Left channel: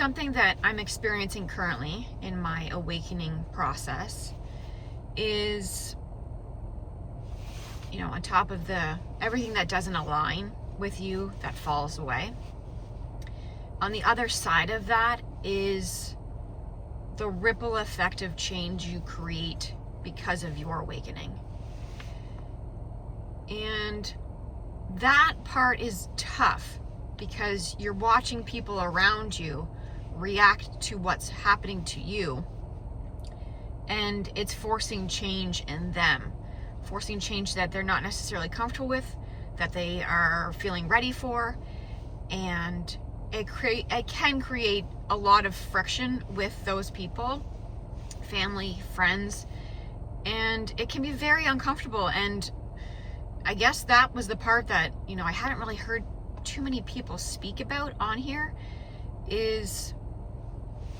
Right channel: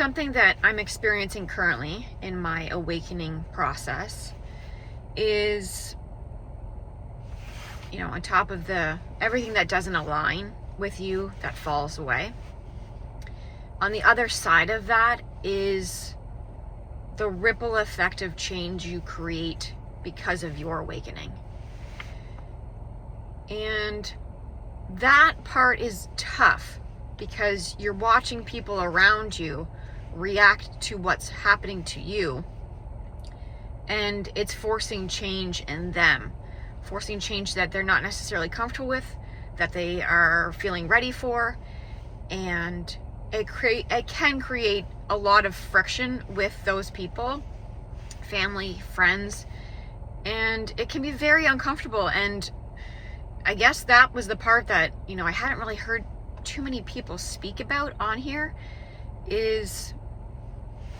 something that I'm experiencing currently in my awakening process is, on top of everything that doesn't align with you that falls away. On the other side of that is the ripple effect of change you create because of your awakening. And that part is tough because you're watching people around you react to what's happening to you, and it's forcing change in them, forcing change that they're not necessarily comfortable with, that they are feeling ready for, and it can create a lot of friction with those people, family, friends, and it can be very uncomfortable. And I guess that was the part that, I hadn't really heard too many people speak about on here is,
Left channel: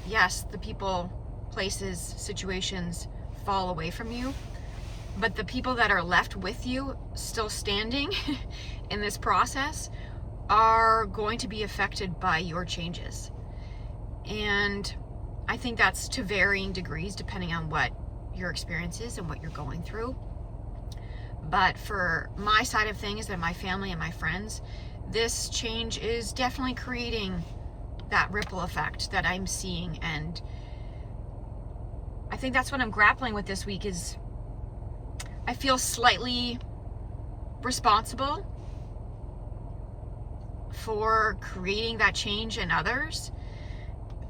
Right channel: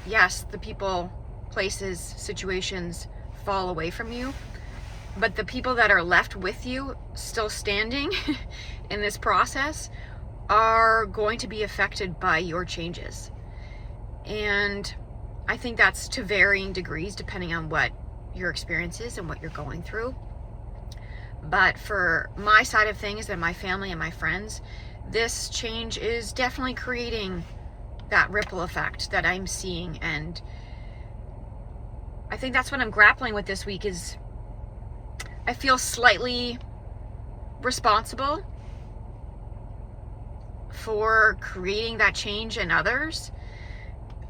yes, the people, places, situations fall away from you, but the people that are left with you still standing in this process are going to be affected by your changes. And I think that's to varying degrees depending on what your experience is and what you're going through. But for my side of things and my family and my friends, this change is definitely creating that ripple effect that I'm seeing. And I think that's what I'm grappling with this week is I feel slightly responsible for creating that change in others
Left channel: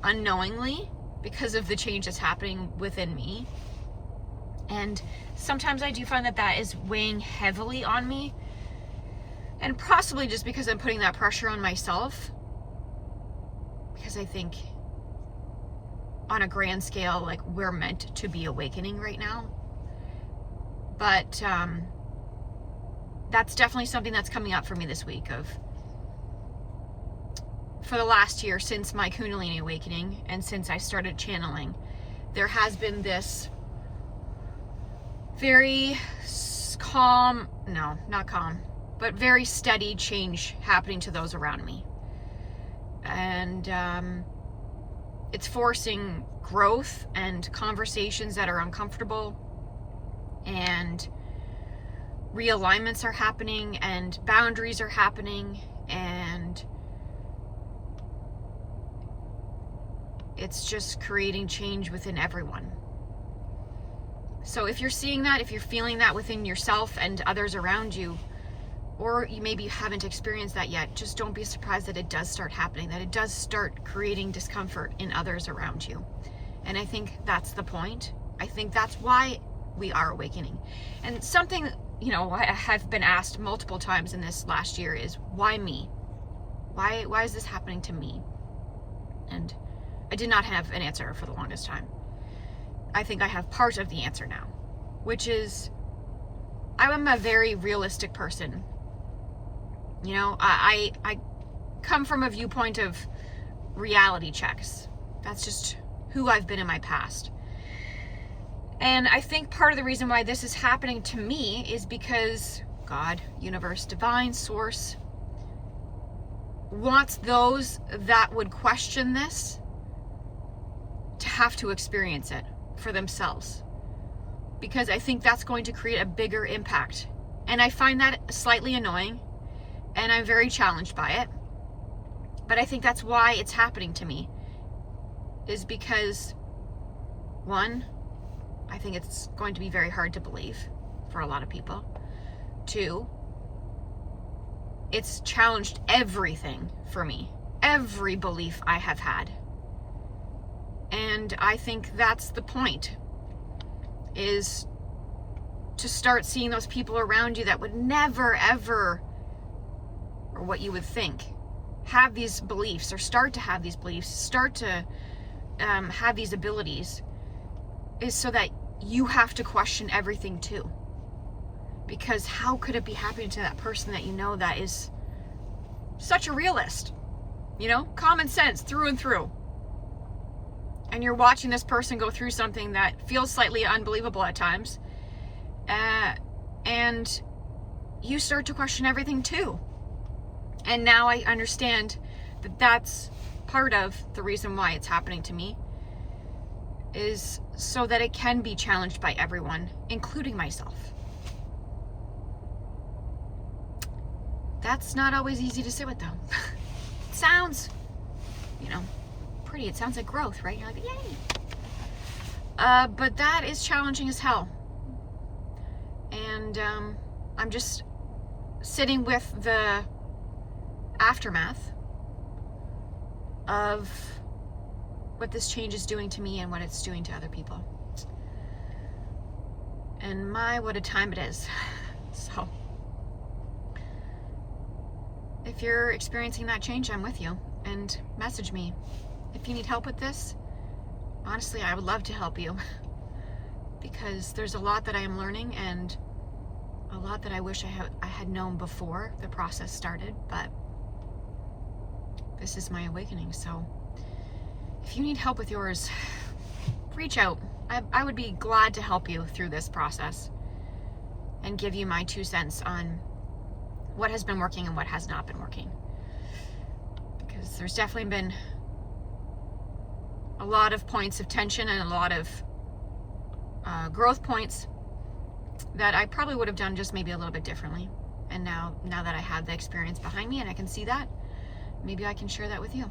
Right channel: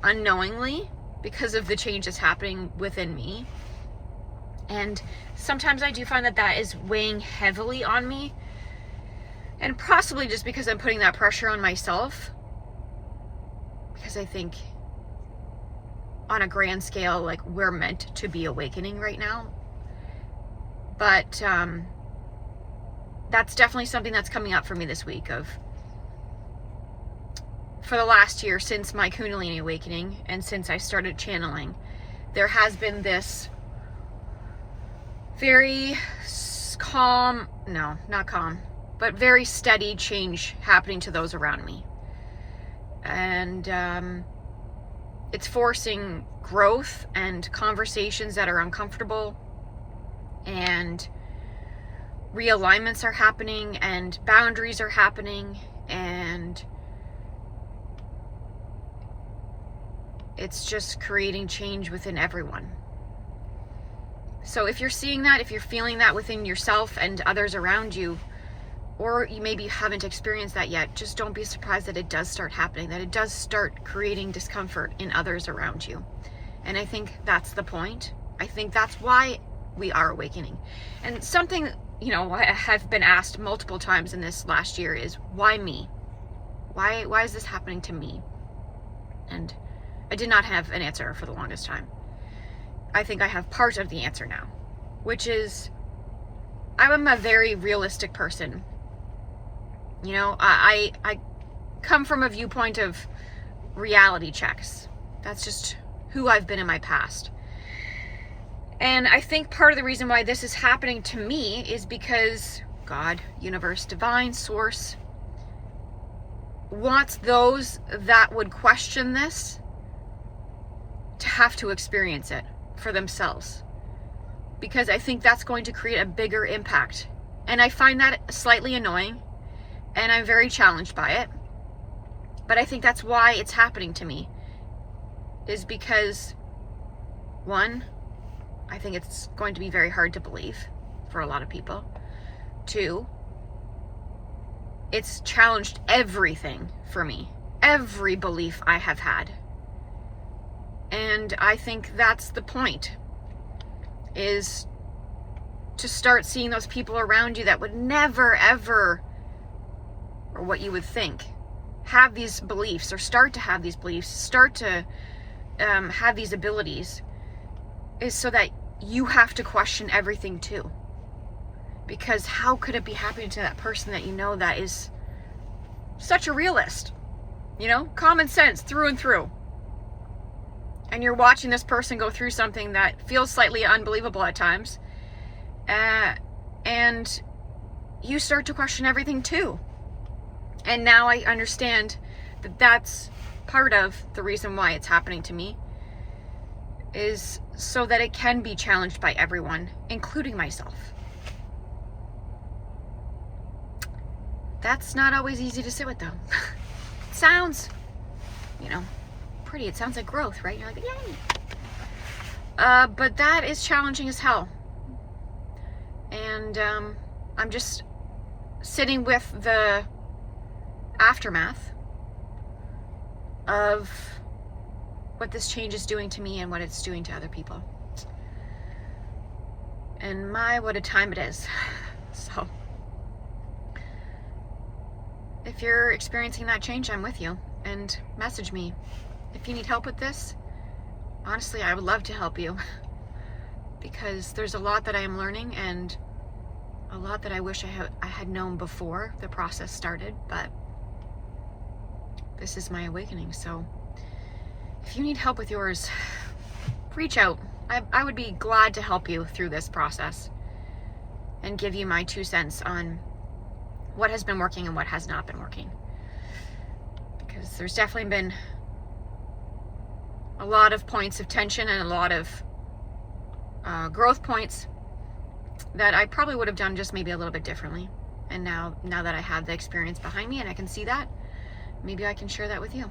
unknowingly because of the change that's happening within me. And sometimes I do find that is weighing heavily on me, and possibly just because I'm putting that pressure on myself, because I think on a grand scale, like, we're meant to be awakening right now. But that's definitely something that's coming up for me this week. For the last year, since my Kundalini awakening and since I started channeling, there has been this very but very steady change happening to those around me. And it's forcing growth and conversations that are uncomfortable, and realignments are happening, and boundaries are happening, and it's just creating change within everyone. So if you're seeing that, if you're feeling that within yourself and others around you, or you maybe haven't experienced that yet, just don't be surprised that it does start happening, that it does start creating discomfort in others around you. And I think that's the point. I think that's why we are awakening. And something, I have been asked multiple times in this last year is, why me? Why is this happening to me? And I did not have an answer for the longest time. I think I have part of the answer now, which is I'm a very realistic person. I come from a viewpoint of reality checks. That's just who I've been in my past. And I think part of the reason why this is happening to me is because God, universe, divine, source wants those that would question this to have to experience it for themselves, because I think that's going to create a bigger impact. And I find that slightly annoying, and I'm very challenged by it. But I think that's why it's happening to me, is because, one, I think it's going to be very hard to believe for a lot of people. Two, it's challenged everything for me, every belief I have had. And I think that's the point, is to start seeing those people around you that would never, ever, or what you would think, have these beliefs, or start to have these beliefs, start to have these abilities, is so that you have to question everything too. Because how could it be happening to that person that that is such a realist? Common sense through and through. And you're watching this person go through something that feels slightly unbelievable at times. And you start to question everything too. And now I understand that that's part of the reason why it's happening to me is so that it can be challenged by everyone, including myself. That's not always easy to sit with, though. It sounds, pretty. It sounds like growth, right? You're like, yay. But that is challenging as hell. And I'm just sitting with the aftermath of what this change is doing to me and what it's doing to other people. And what a time it is. So if you're experiencing that change, I'm with you. And message me if you need help with this. Honestly, I would love to help you, because there's a lot that I am learning and a lot that I wish I had known before the process started, but this is my awakening. So if you need help with yours, reach out. I would be glad to help you through this process and give you my 2 cents on what has been working and what has not been working. Because there's definitely been a lot of points of tension and a lot of growth points that I probably would have done just maybe a little bit differently. And now that I have the experience behind me and I can see that, maybe I can share that with you.